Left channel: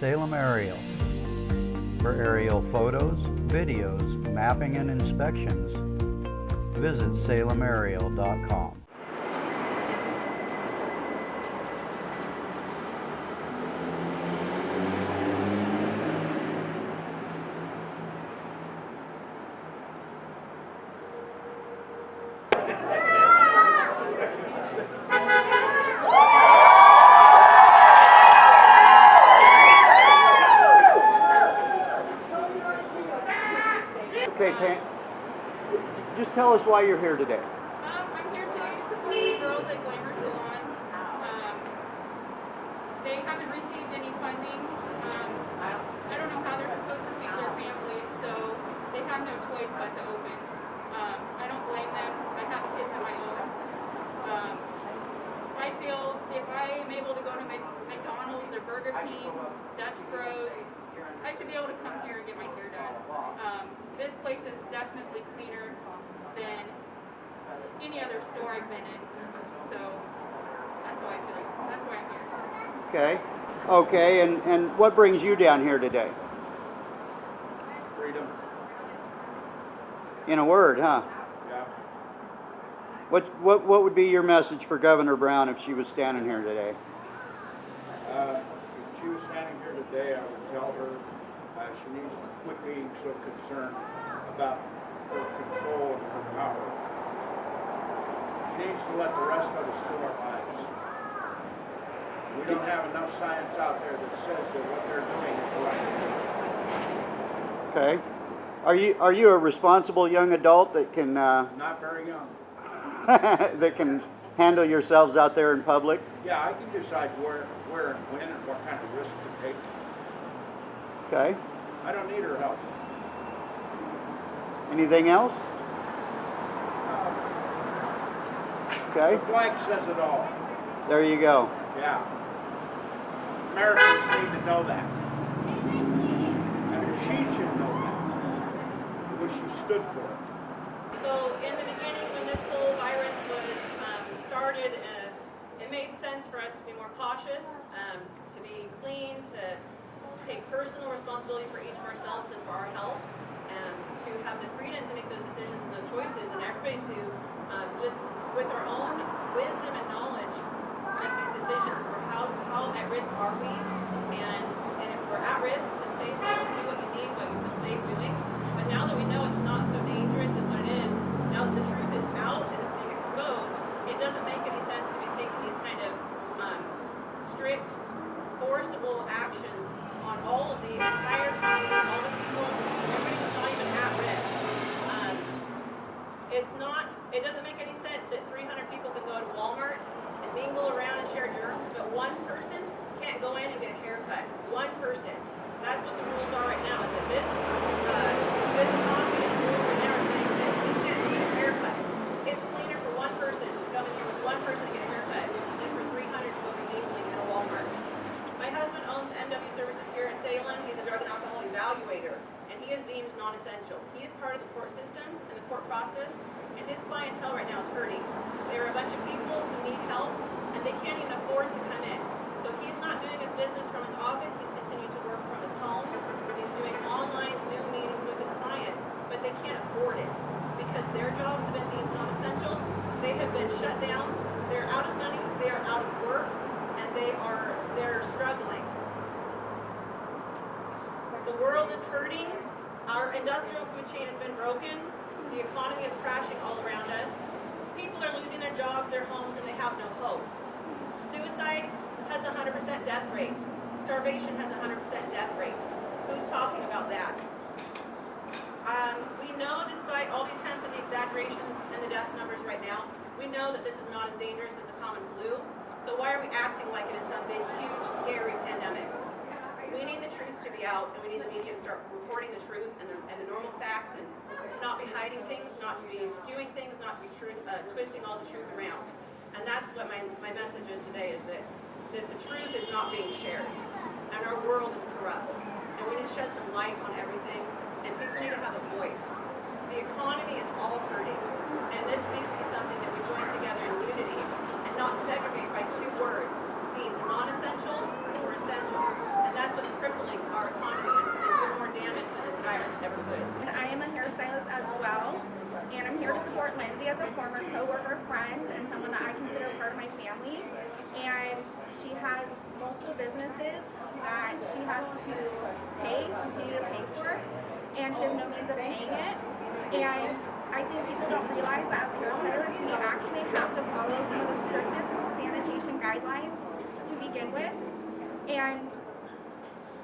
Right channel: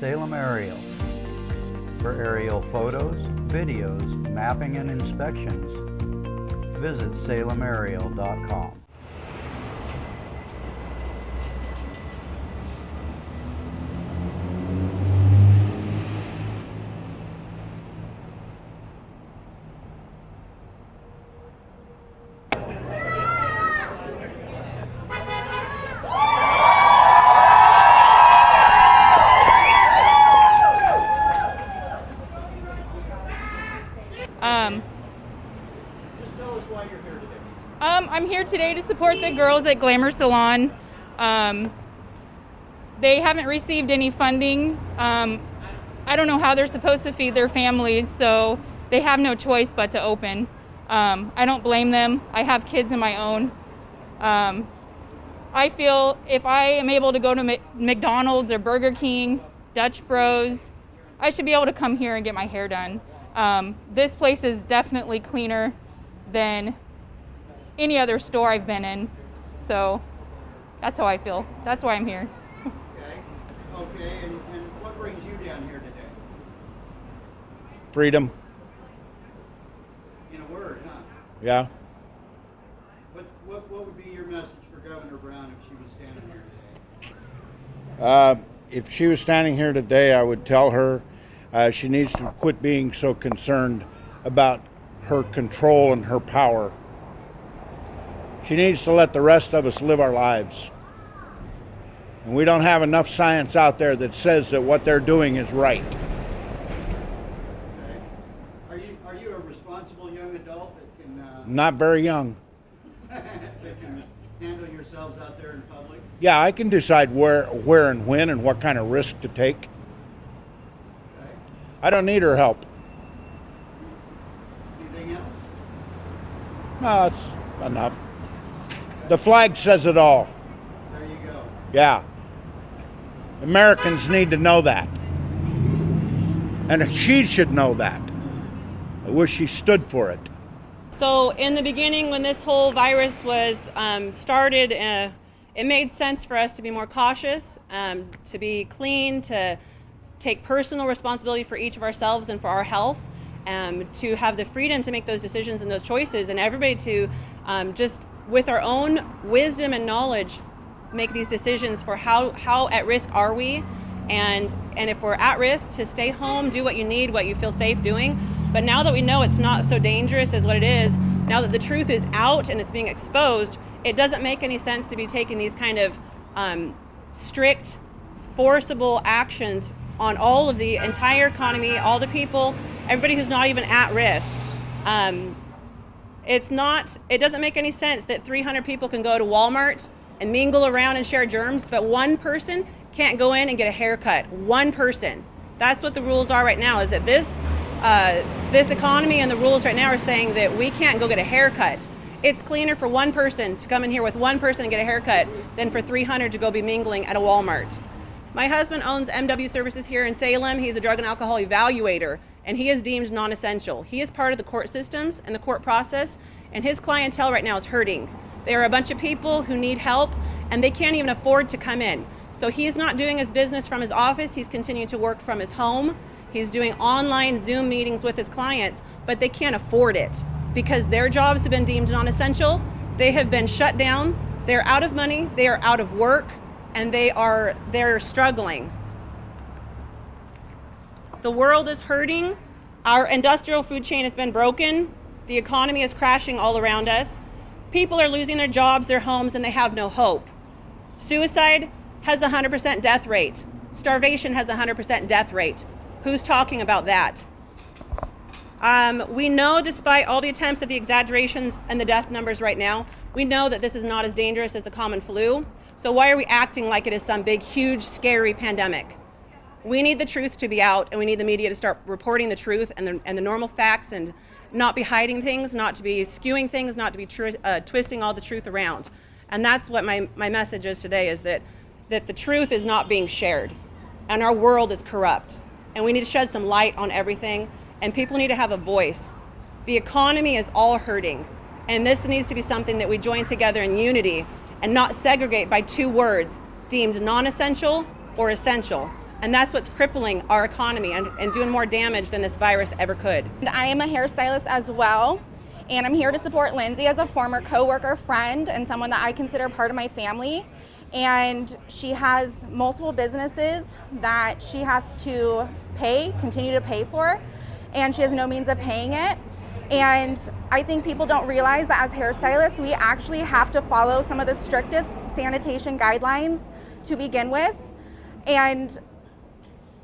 Salem Aerial. For aerial photos, videos, mapping and inspections, visit SalemAerial.com. Just tell us why you're here today. I'm here today to support the girls at Glamour Salon. They haven't received any funding. I don't know how they're supposed to feed their families, so they have no choice but to open. I don't blame them. I have kids of my own. I feel if I am able to go to McDonald's or Burger King, Dutch Bros, I should be able to come here and get my hair done. This place is definitely cleaner than any other store I've been in. So that's how I feel. That's why I'm here. Okay, and what brings you down here today? Freedom. In a word, huh? Yeah. What would be your message for Governor Brown if she was standing here today? If she was standing here today, I would tell her she needs to quit being so concerned about her control and her power. She needs to let the rest of us live our lives. And we don't have enough science out there that says that what they're doing is right. Okay. Are you a responsible young adult that can Not very young. that can handle yourselves out there in public? Yeah, I can decide where and when and what kind of risk to take. Okay. I don't need her help. Anything else? No, it's enough. Okay. The flag says it all. There you go. Yeah. Americans need to know that. And she should know that. I wish she stood for it. So in the beginning, when this whole virus was started, it made sense for us to be more cautious, to be clean, to take personal responsibility for each of ourselves and for our health, to have the freedom to make those decisions and those choices, and everybody to just with our own wisdom and knowledge make these decisions for how at risk are we, and if we're at risk, to stay home, do what you need, what you feel safe doing. But now that we know it's not so dangerous as what it is, now that the truth is out and it's being exposed, it doesn't make any sense to be taking these kind of strict, forcible actions on all of the entire economy, all the people, everybody who's not even at risk. It doesn't make any sense that 300 people can go to Walmart and mingle around and share germs, but one person can't go in and get a haircut. One person. That's what the rules are right now, is that this economy and the rules right now are saying that we can't go get a haircut. It's cleaner for one person to come in here with one person and get a haircut than for 300 to go be mingling at a Walmart. My husband owns MW Services here in Salem. He's a drug and alcohol evaluator, and he is deemed non-essential. He is part of the court systems and the court process, and his clientele right now is hurting. There are a bunch of people who need help, and they can't even afford to come in. So he's not doing his business from his office. He's continuing to work from his home. He's doing online Zoom meetings with his clients, but they can't afford it because their jobs have been deemed non-essential. They have been shut down. They're out of money. They are out of work, and they're struggling. The world is hurting. Our industrial food chain has been broken. The economy is crashing all around us. People are losing their jobs, their homes, and they have no hope. Suicide has a 100% death rate. Starvation has a 100% death rate. Who's talking about that? We know, despite all the attempts at the exaggerations and the death numbers right now, we know that this is not as dangerous as the common flu. So why are we acting like it is some big, huge, scary pandemic? We need the truth to be out, and we need the media to start reporting the truth and the normal facts, and not be hiding things, not to be skewing things, not to be twisting all the truth around. And that's what my message is today, is that the truth is not being shared, and our world is corrupt. And we need to shed some light on everything, and people need to have a voice. The economy is all hurting, and this needs to be something that we join together in unity and not segregate by two words, deemed non-essential or essential. And that's what's crippling our economy and doing more damage than this virus ever could. I am a hairstylist as well, and I'm here to support Lindsay as a former coworker, friend, and someone that I consider part of my family. And she has multiple businesses that she has to continue to pay for, and she has no means of paying it. And I think people don't realize that as hairstylists, we actually have to follow some of the strictest sanitation guidelines to begin with. And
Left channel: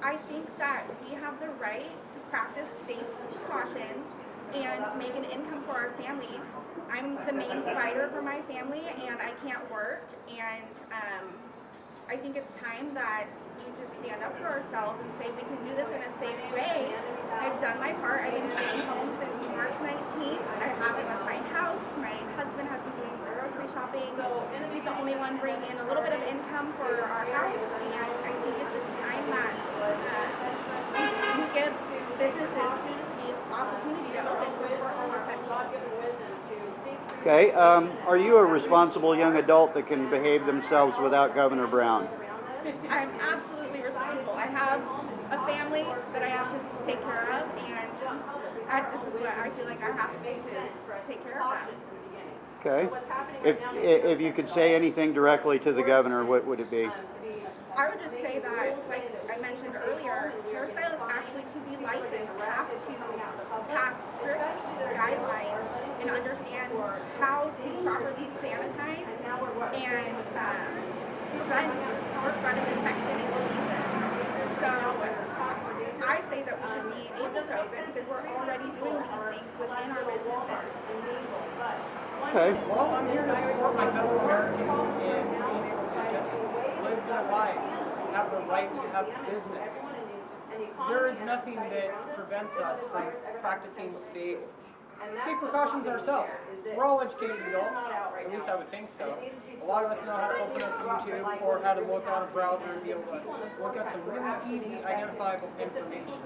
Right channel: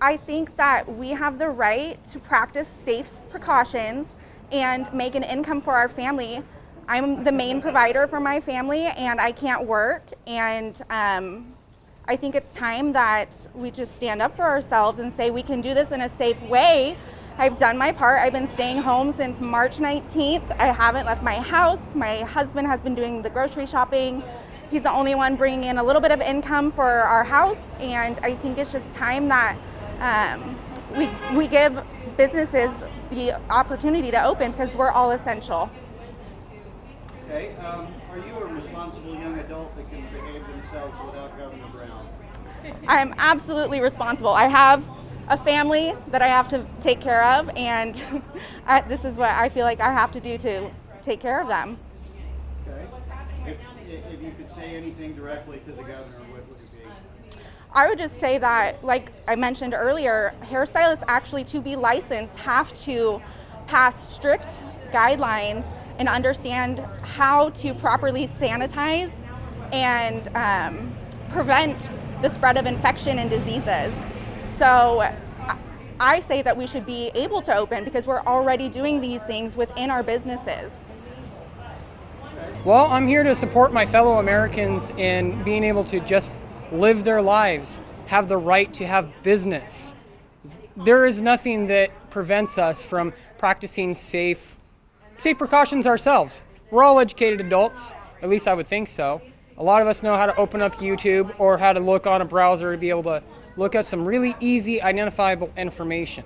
I think that we have the right to practice safe precautions and make an income for our family. I'm the main provider for my family, and I can't work. And I think it's time that we just stand up for ourselves and say we can do this in a safe way. I've done my part. I've been staying home since March 19th. I haven't left my house. My husband has been doing the grocery shopping. He's the only one bringing in a little bit of income for our house. And I think it's just time that we give businesses the opportunity to open, because we're all essential. Okay, are you a responsible young adult that can behave themselves without Governor Brown? I'm absolutely responsible. I have a family that I have to take care of, and this is what I feel like I have to do to take care of them. Okay. If you could say anything directly to the governor, what would it be? I would just say that, like I mentioned earlier, hairstylists actually, to be licensed, have to pass strict guidelines and understand how to properly sanitize and prevent the spread of infection and diseases. So I say that we should be able to open because we're already doing these things within our businesses. Okay. Well, I'm here to support my fellow Americans in being able to just live their lives, have the right to have business. There is nothing that prevents us from practicing safe precautions ourselves. We're all educated adults, at least I would think so. A lot of us know how to open up YouTube or how to look on a browser to be able to look at some really easy identifiable information.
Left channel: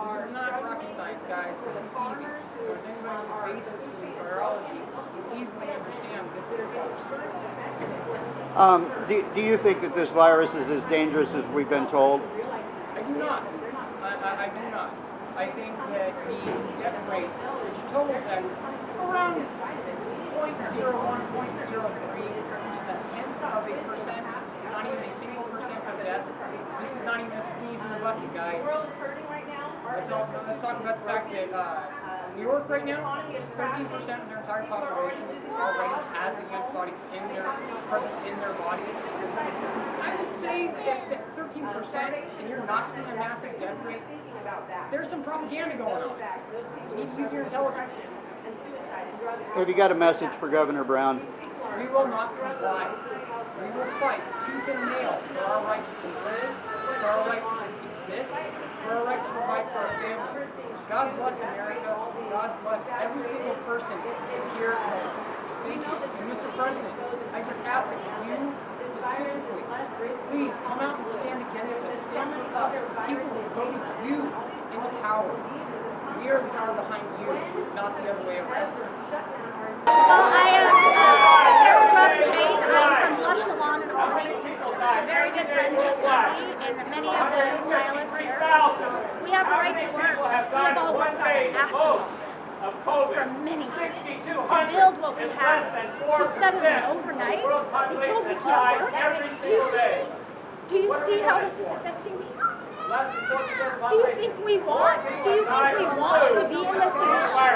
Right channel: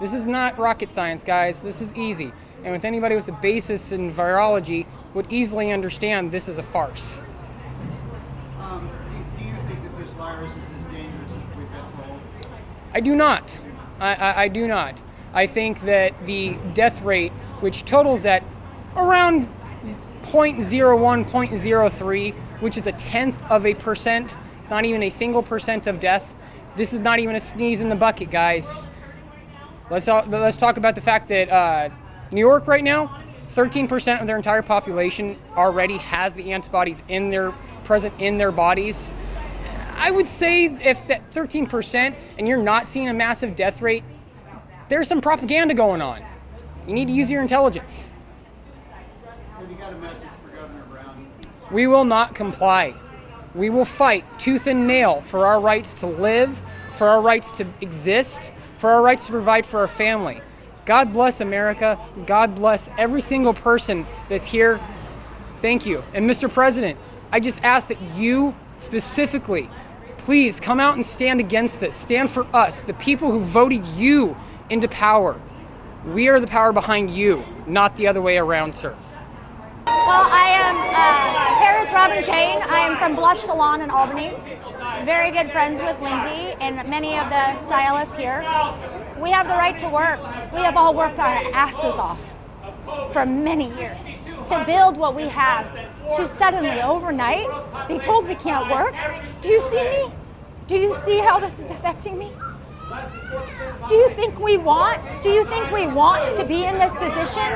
This is not rocket science, guys. This is easy. And with anybody with a basis in virology would easily understand this is a farce. Do you think that this virus is as dangerous as we've been told? I do not. I do not. I think that the death rate, which totals at around 0.01, 0.03, which is 0.1%, it's not even a single percent of death. This is not even a sneeze in the bucket, guys. Let's talk about the fact that New York right now, 13% of their entire population already has the antibodies present in their bodies. I would say if that 13% and you're not seeing a massive death rate, there's some propaganda going on. You need to use your intelligence. Have you got a message for Governor Brown? We will not comply. We will fight tooth and nail for our rights to live, for our rights to exist, for our rights to provide for our family. God bless America. God bless every single person that's here. Thank you. And Mr. President, I just ask that you specifically, please come out and stand against this. Stand for us, the people who voted you into power. We are the power behind you, not the other way around, sir. Well, I am here with Robin Jane. I am from Blush Salon in Albany. Very good friends with Lindsay and many of the stylists here. We have the right to work. We have all worked our asses off for many years to build what we have. To suddenly, overnight, be told we can't work. Do you see me? Do you see how this is affecting me? Do you think we want to be in this position?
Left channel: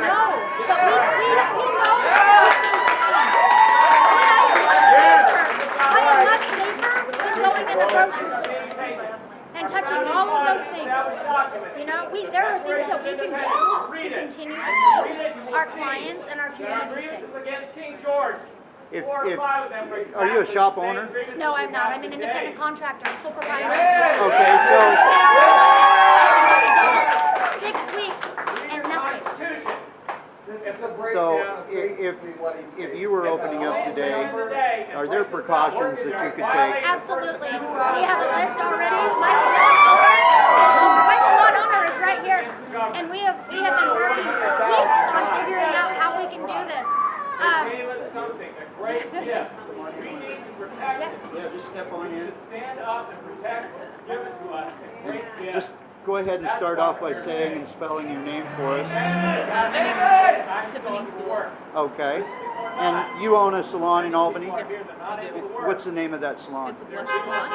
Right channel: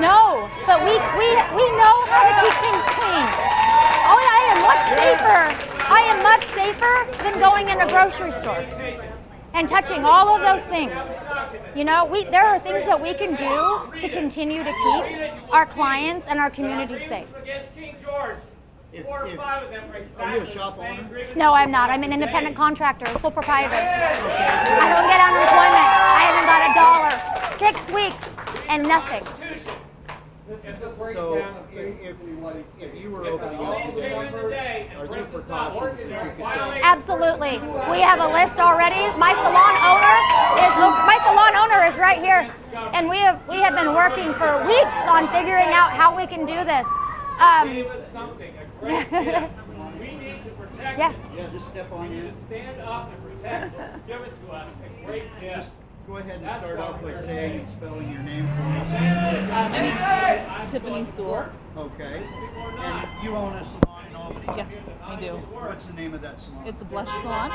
No, but we know how to keep things clean. I am much safer than going in a grocery store and touching all of those things. You know, there are things that we can do to continue to keep our clients and our community safe. Are you a shop owner? No, I'm not. I'm an independent contractor, sole proprietor. Okay, I so don't get unemployment. I don't get $1. 6 weeks and nothing. So if you were opening up today, are there precautions that you could take? Absolutely. We have a list already. My salon owner is right here, and we have been working for weeks on figuring out how we can do this. Yeah. Yeah, just step on in. Stand up and protect what was given to us. Great gift. Just go ahead and start off by saying and spelling your name for us. Tiffany Sewell. Okay. And you own a salon in Albany? Yeah, I do. What's the name of that salon? It's a blush salon.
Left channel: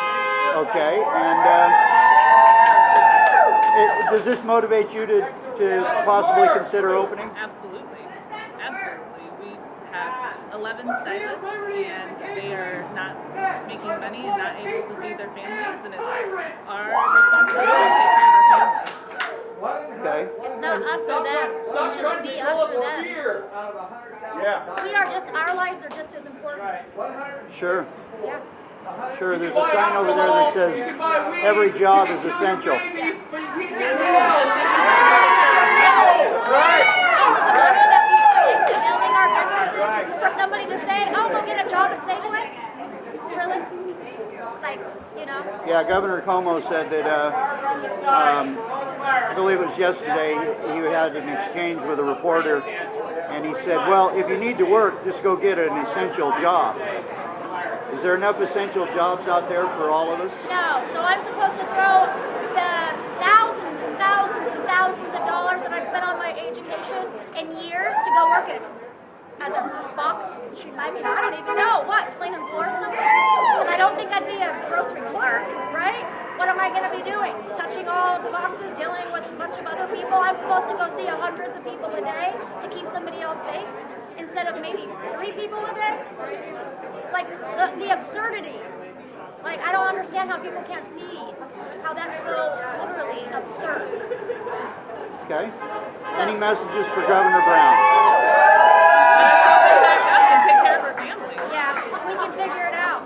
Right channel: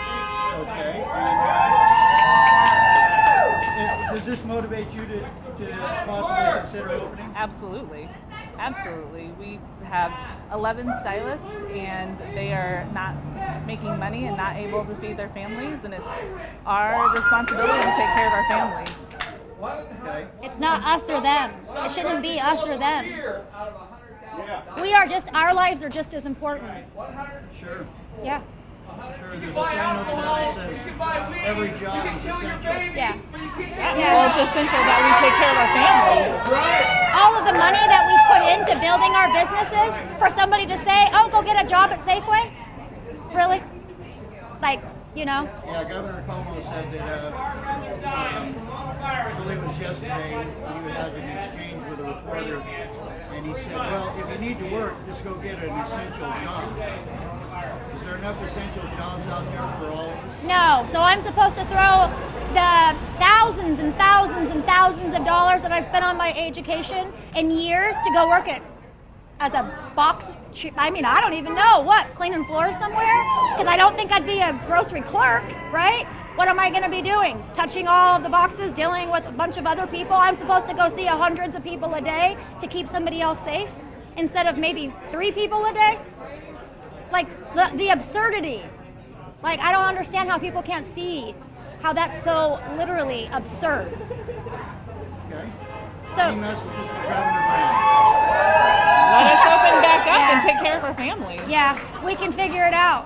Okay. And does this motivate you to possibly consider opening? Absolutely. Absolutely. We have 11 stylists and they are not making money and not able to feed their families, and it's our responsibility to take care of our families. Okay. It's not us or them. It shouldn't be us or them. We are just, our lives are just as important. Sure. Yeah. Sure. There's a sign over there that says every job is essential. Yeah. It's essential that we take care of our families. All of the money that we put into building our businesses, for somebody to say, oh, go get a job at Safeway? Really? Like, you know? Yeah, Governor Cuomo said that, I believe it was yesterday, he had an exchange with a reporter, and he said, well, if you need to work, just go get an essential job. Is there enough essential jobs out there for all of us? No. So I'm supposed to throw the thousands and thousands and thousands of dollars that I've spent on my education in years to go work as a box, I mean, I don't even know, what, cleaning floors somewhere? Because I don't think I'd be a grocery clerk, right? What am I going to be doing? Touching all of the boxes, dealing with a bunch of other people? I'm supposed to go see hundreds of people a day to keep somebody else safe instead of maybe 3 people a day? Like, the absurdity. Like, I don't understand how people can't see how that's so literally absurd. Okay. So, Any messages for Governor Brown? Let us open back up and take care of our families. yeah, we can figure it out.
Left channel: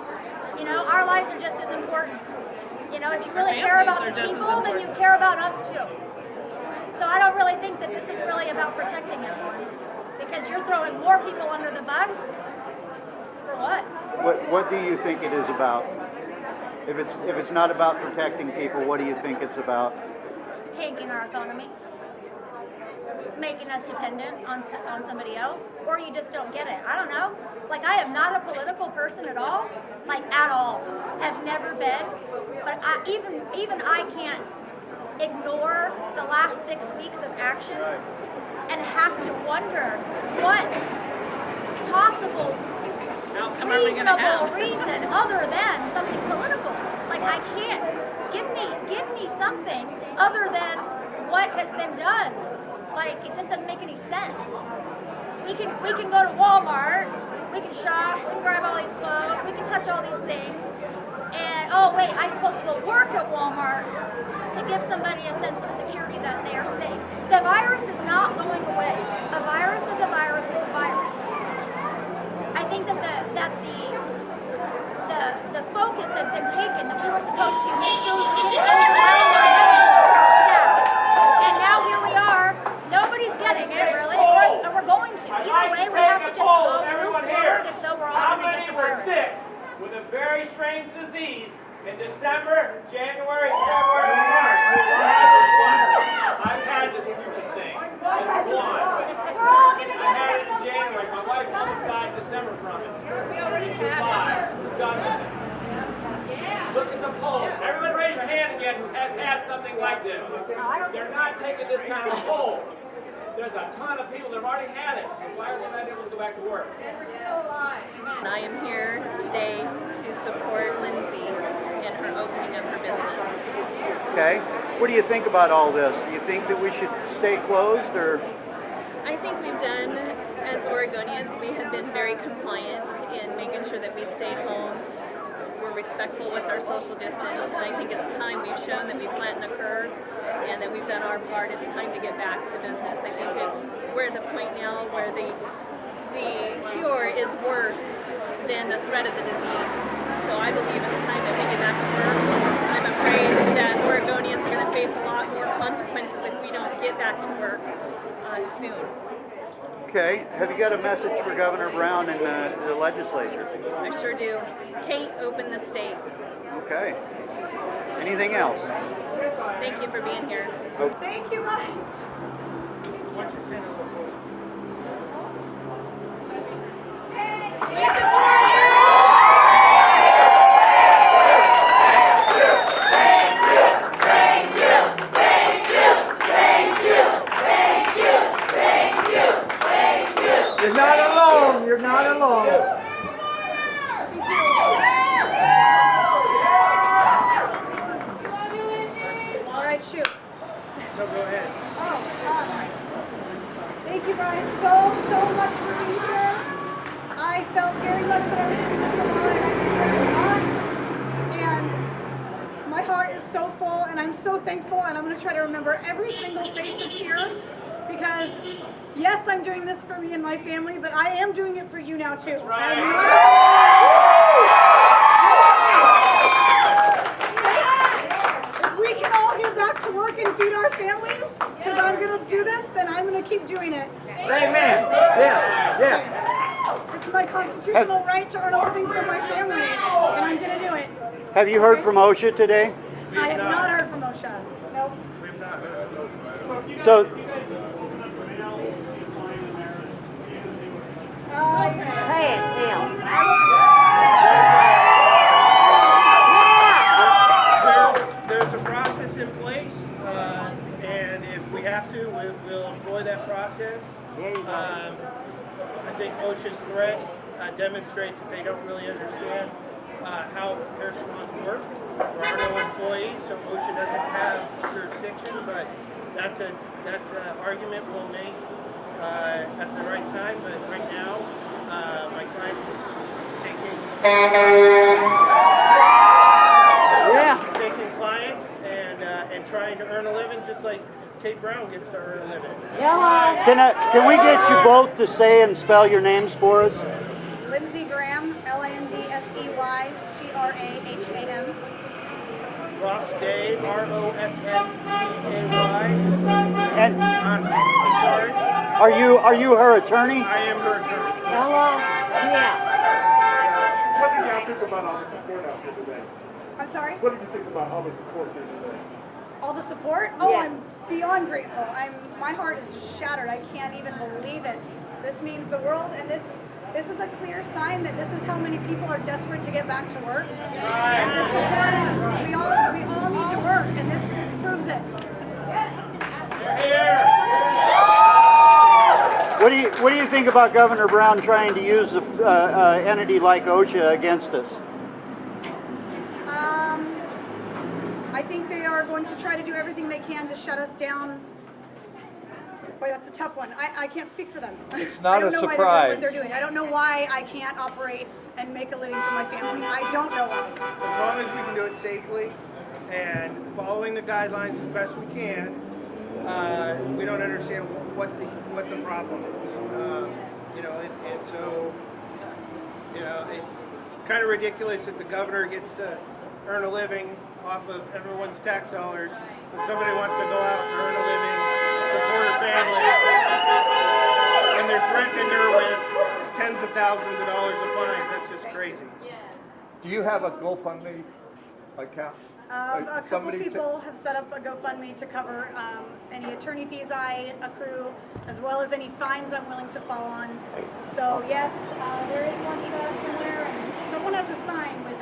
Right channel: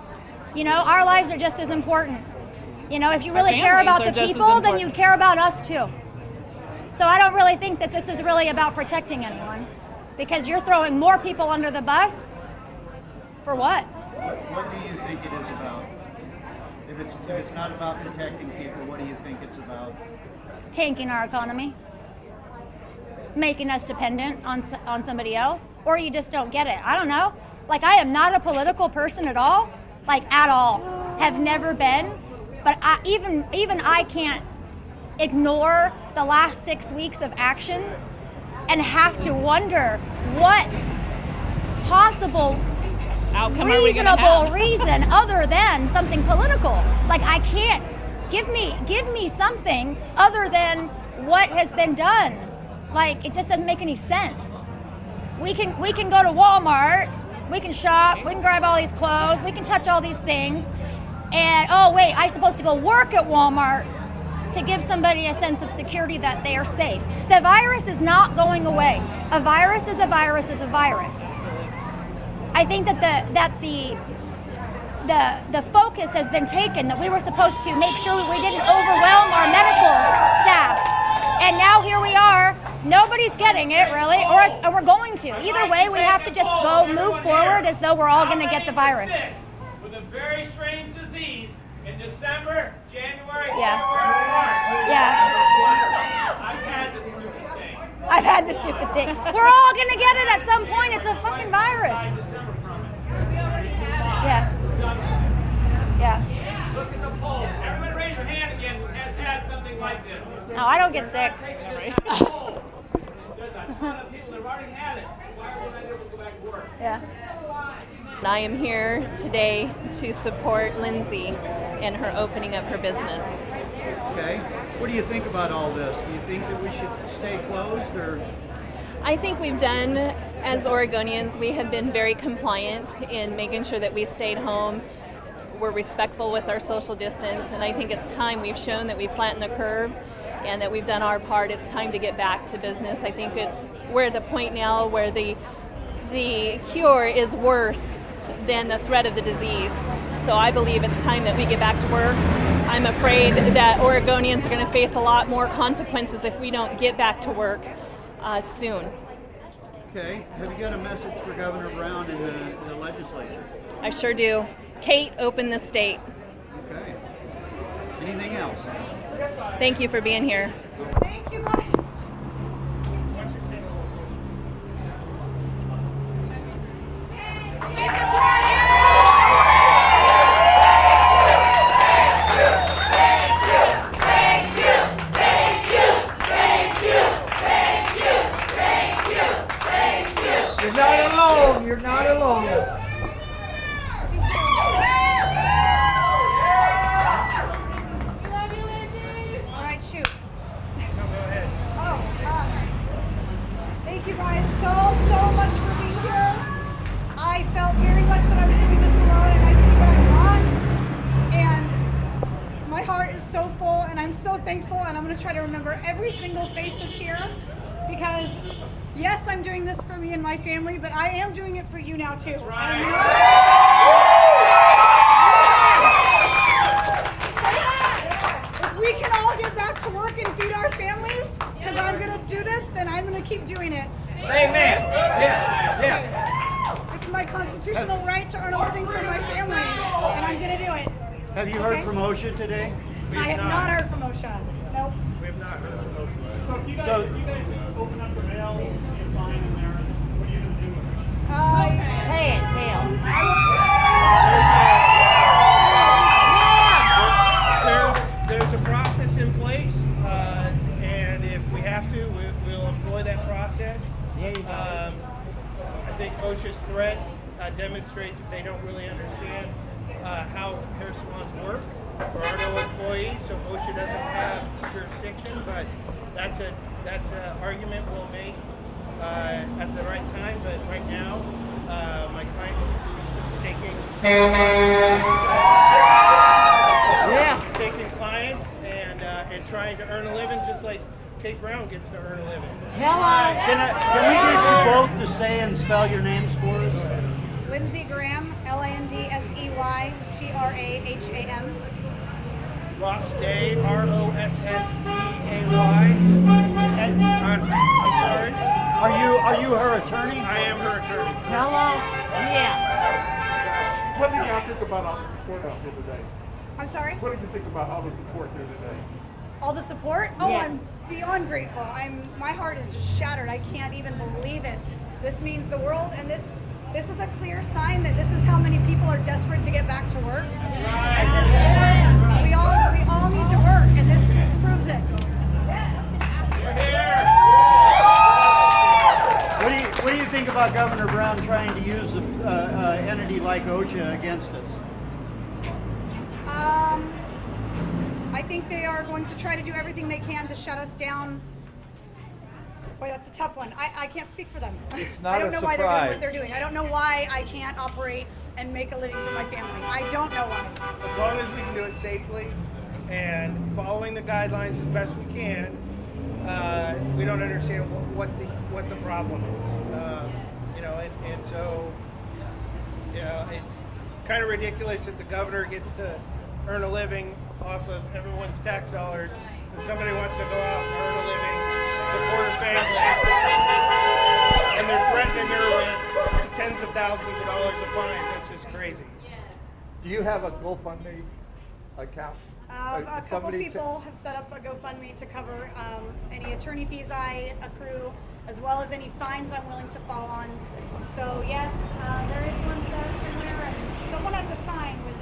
You know, our lives are just as important. You know, if you really care families about are the just as people, then you important. care about us too. So I don't really think that this is really about protecting anyone, because you're throwing more people under the bus. For what? What do you think it is about? If it's not about protecting people, what do you think it's about? Tanking our economy, making us dependent on somebody else, or you just don't get it. I don't know. Like, I am not a political person at all, like at all. Have never been. But even I can't ignore the last 6 weeks of actions and have to wonder what possible reasonable reason other than something political. Like, I can't give me something other than what has been done. Like, it just doesn't make any sense. We can go to Walmart, we can shop, we can grab all these clothes, we can touch all these things, and oh wait, I'm supposed to go work at Walmart to give somebody a sense of security that they are safe. The virus is not going away. A virus is a virus is a virus. I think that the focus has been taken, that we were supposed to make sure we didn't overwhelm our medical staff. And now here we are, nobody's getting it really, or we're going to. Either way, we have to just go move forward as though we're all going to get the virus. With a very strange disease in December, January, Yeah. February, March. Yeah. I've had this stupid thing. I've had this stupid thing. We're all going to get it at some point. It's a fucking virus. December from it. Yeah. Yeah. Look at the poll. Everyone raise your hand again who has had something like this. No, I don't get We're sick. not taking this kind of poll. There's a ton of people that have already had it. Why are they not able to go back to work? Yeah. I am here today to support Lindsay in her opening of her business. Okay. What do you think about all this? Do you think that we should stay closed, or? I think we've done, as Oregonians, we have been very compliant in making sure that we stayed home. We're respectful with our social distance, and I think it's time. We've shown that we've flattened the curve and that we've done our part. It's time to get back to business. I think we're at the point now where the cure is worse than the threat of the disease. So I believe it's time that we get back to work. I'm afraid that Oregonians are going to face a lot more consequences if we don't get back to work soon. Okay. Have you got a message for Governor Brown and the legislature? I sure do. Kate, open the state. Okay. Anything else? Thank you for being here. Thank you, guys. you guys so much for being here. I felt very much that I was doing this alone, and I see that I'm not. And my heart is so full, and I'm so thankful, and I'm going to try to remember every single face that's here, because yes, I'm doing this for me and my family, but I am doing it for you now too. That's right. If we can all get back to work and feed our families, because I'm going to do this, then I'm going to keep doing it. Amen. Yeah. It's my constitutional right to earn a living for my family, and I'm going to do it. Have you heard from OSHA today? I have not heard from OSHA. Nope. We've not heard from OSHA. So, There's a process in place, and if we have to, we'll employ that process. I think OSHA's threat demonstrates that they don't really understand how hair salons work. There are no employees, so OSHA doesn't have jurisdiction, but that's an argument we'll make at the right time. But right now, my client is taking clients and trying to earn a living, just like Kate Brown gets to earn a living. can we get you both to say and spell your names for us? Lindsey Graham, LANDSEY GRAHAM. Ross Day, ROSSEAY. And I'm sorry. are you her attorney? I am her attorney. What did y'all think about all the support out here today? I'm sorry? What did you think about all the support here today? All the support? Oh, yeah. I'm beyond grateful. My heart is just shattered. I can't even believe it. This means the world, and this is a clear sign that this is how many people are desperate to get back to work. And this support, we all need to work, and this proves it. What do you think about Governor Brown trying to use an entity like OSHA against us? I think they are going to try to do everything they can to shut us down. Boy, that's a tough one. I can't speak for them. I don't know why they're doing what they're doing. I don't know why I can't operate and make a living for my family. I don't know why. As long as we can do it safely and following the guidelines as best we can, we don't understand what the problem is. It's kind of ridiculous that the governor gets to earn a living off of everyone's tax dollars, and somebody wants to go out and earn a living, support her family, and they're threatening her with tens of thousands of dollars of fines. That's just crazy. Do you have a GoFundMe account? A couple people have set up a GoFundMe to cover any attorney fees I accrue, as well as any fines I'm willing to fall on. So yes, there is one trust in there, and someone has a sign with it.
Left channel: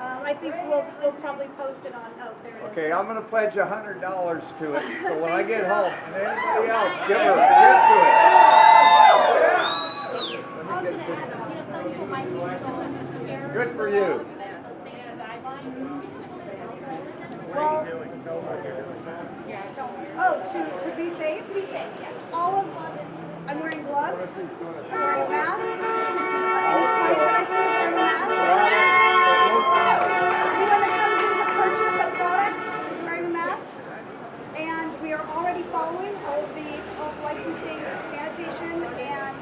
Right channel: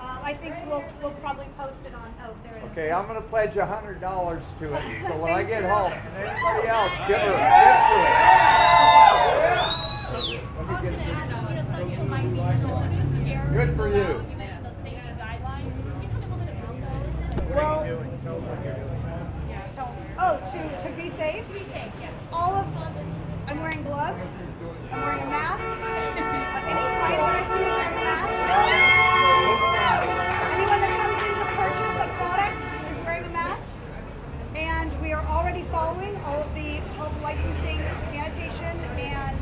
I think we'll probably post it on. Oh, there it is. Okay, I'm going to pledge $100 to it. So when I get home, and anybody else, give them Good for you. What are you doing? Tell them To be safe? To be safe, yeah. I'm wearing gloves, I'm wearing a mask. Any client that I see is wearing a mask. Anyone that comes in to purchase a product is wearing a mask. And we are already following all of the health licensing, sanitation, and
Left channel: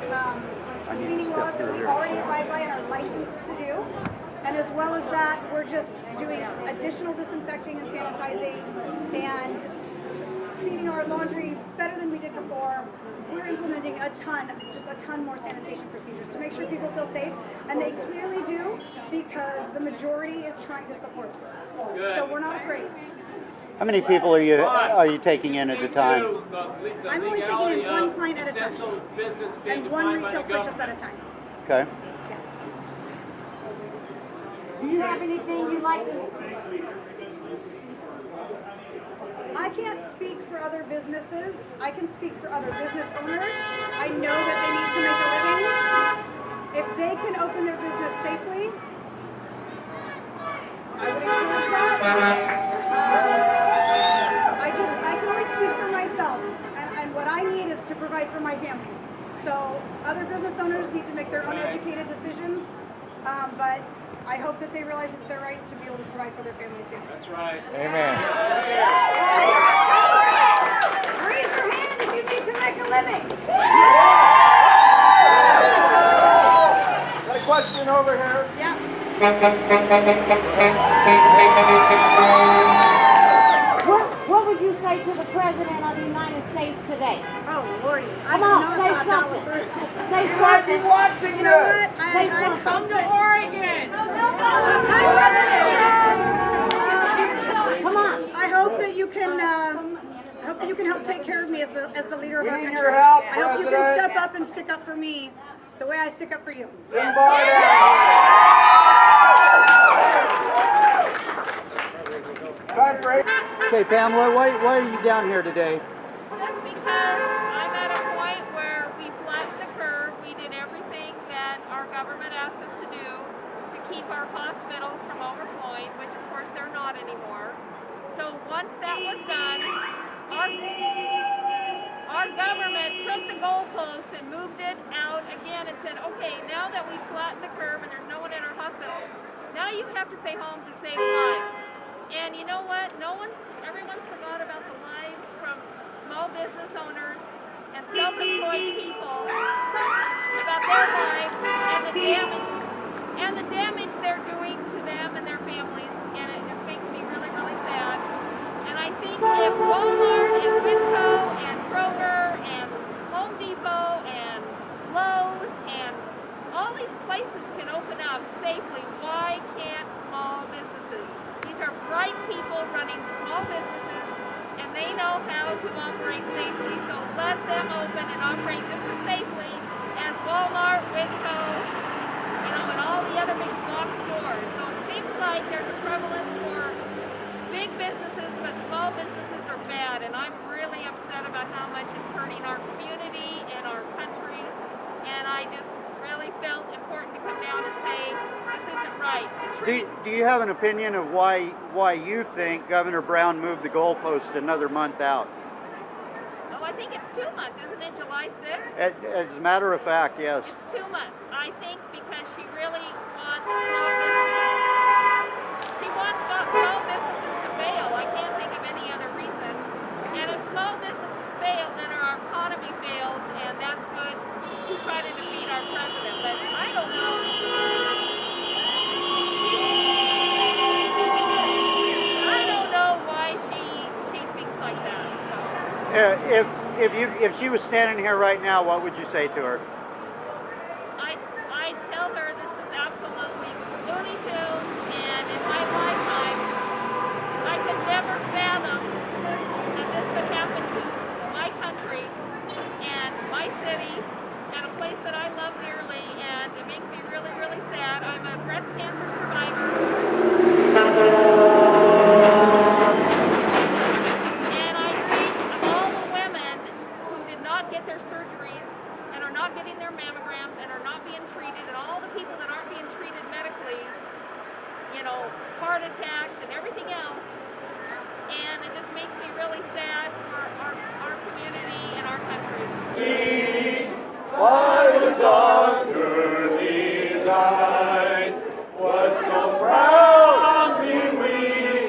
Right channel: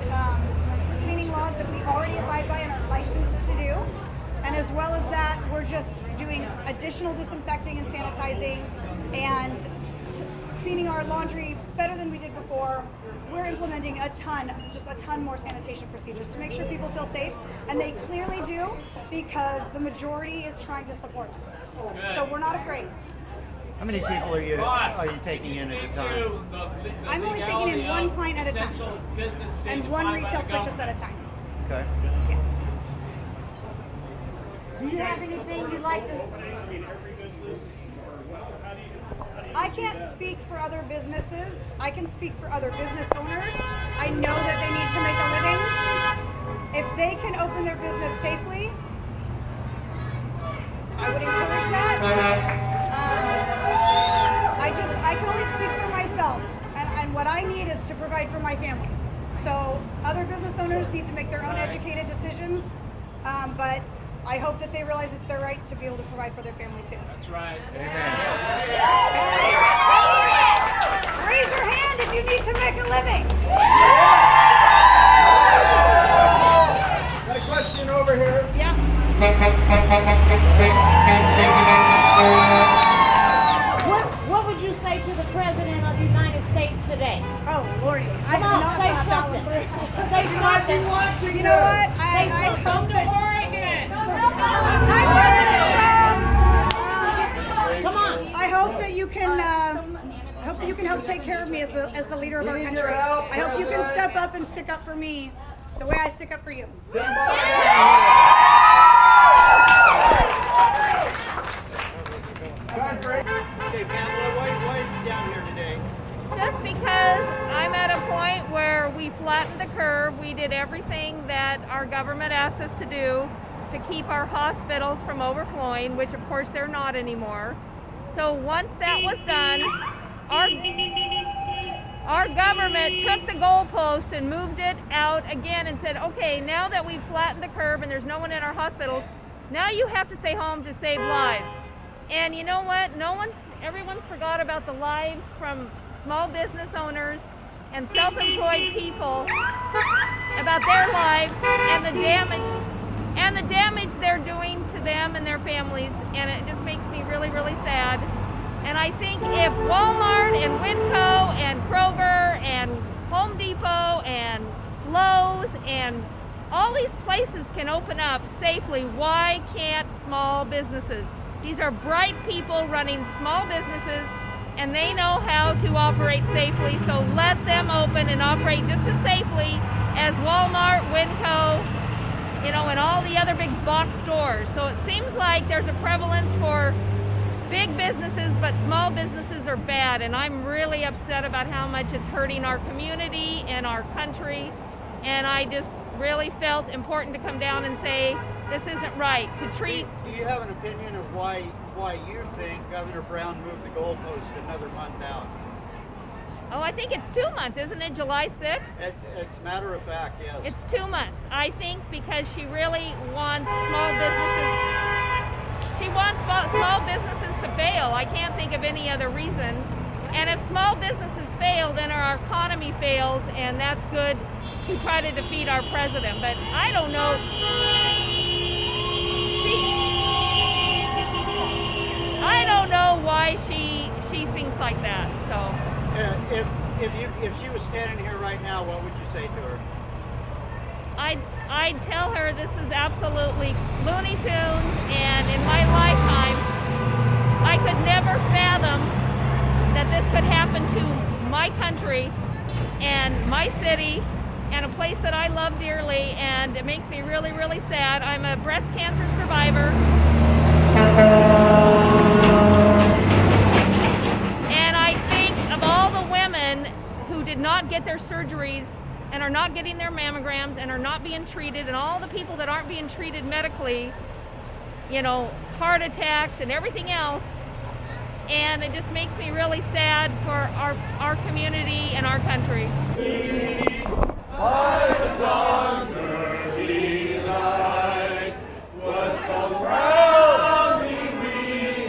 cleaning laws that we already abide by and are licensed to do. And as well as that, we're just doing additional disinfecting and sanitizing and cleaning our laundry better than we did before. We're implementing a ton more sanitation procedures to make sure people feel safe, and they clearly do, because the majority is trying to support us. So we're not afraid. How many people are you taking in at a time? I'm only taking in one client at a time, and one retail purchase at a time. Okay. Yeah. Do you have anything you'd like? I can't speak for other businesses. I can speak for other business owners. I know that they need to make a living. If they can open their business safely, I would encourage that. I can only speak for myself, and what I need is to provide for my family. So other business owners need to make their own educated decisions, but I hope that they realize it's their right to be able to provide for their family too. That's right. Amen. Raise your hand if you need to make a living. Got a question over here. Yeah. What would you say to the President of the United States today? Oh, Lordy. I Come have on, not say thought that one something. through. Say You might be something. watching You know this. what? I Come to Oregon. Hi, President Trump. Come on. I hope that you can help take care of me as the leader of our We need country. your help, I hope you can President. step up and stick up for me the way I stick up for you. Okay, Pamela, why are you down here today? Just because I'm at a point where we flattened the curve, we did everything that our government asked us to do to keep our hospitals from overflowing, which of course they're not anymore. So once that was done, our government took the goalpost and moved it out again and said, okay, now that we've flattened the curve and there's no one in our hospitals, now you have to stay home to save lives. And you know what? Everyone's forgot about the lives from small business owners and self-employed people, about their lives and the damage they're doing to them and their families, and it just makes me really, really sad. And I think if Walmart and Winco and Kroger and Home Depot and Lowe's and all these places can open up safely, why can't small businesses? These are bright people running small businesses, and they know how to operate safely, so let them open and operate just as safely as Walmart, Winco, and all the other big box stores. So it seems like there's a prevalence for big businesses, but small businesses are bad, and I'm really upset about how much it's hurting our community and our country, and I just really felt important to come down and say this isn't right to treat. Do you have an opinion of why you think Governor Brown moved the goalpost another month out? Oh, I think it's 2 months, isn't it? July 6th? As a matter of fact, yes. It's 2 months. I think because she really wants small businesses. She wants small businesses to fail. I can't think of any other reason. And if small businesses fail, then our economy fails, and that's good to try to defeat our president. But I don't know. I don't know why she thinks like that. So. If she was standing here right now, what would you say to her? I'd tell her this is absolutely Looney Tunes, and in my lifetime, I could never fathom that this could happen to my country and my city and a place that I love dearly, and it makes me really, really sad. I'm a breast cancer survivor. And I think of all the women who did not get their surgeries and are not getting their mammograms and are not being treated, and all the people that aren't being treated medically, heart attacks and everything else. And it just makes me really sad for our community and our country. By the dawn's early light, what so proudly we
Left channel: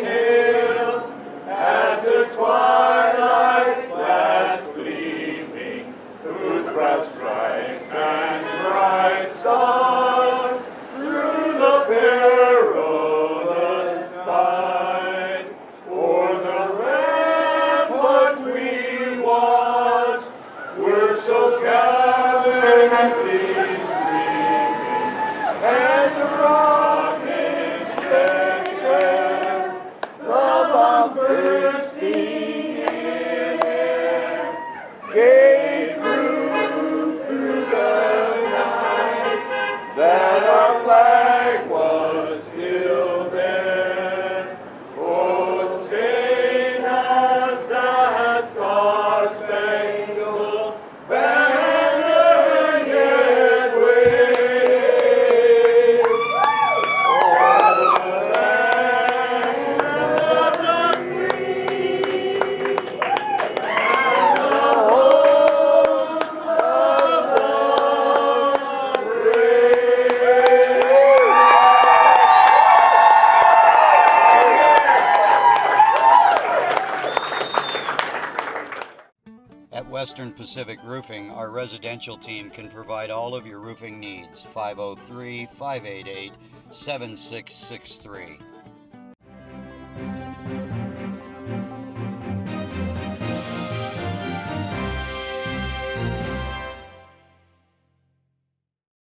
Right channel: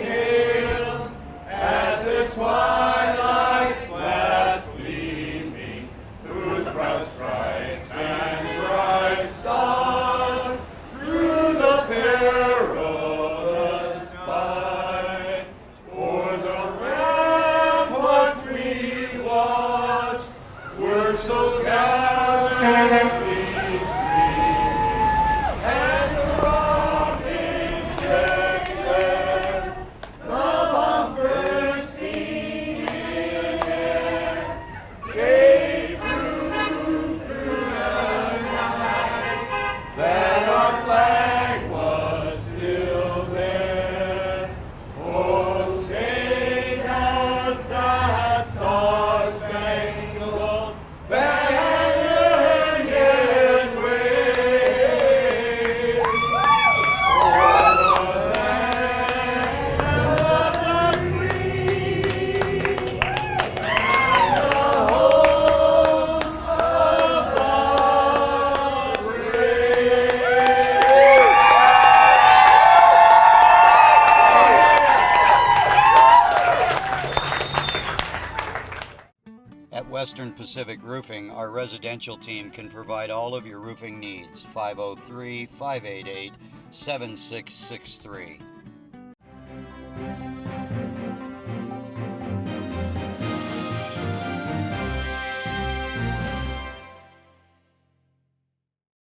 hailed, at the twilight's last gleaming, whose broad stripes and bright stars through the perilous fight, o'er the ramparts we watch, were so gallantly streaming, and the rockets dread the bombs bursting in air, gave proof through the night that our flag was still there. Oh, sing as that star-spangled banner Western Pacific Roofing, our residential team can provide all of your roofing needs. 503-588-7663.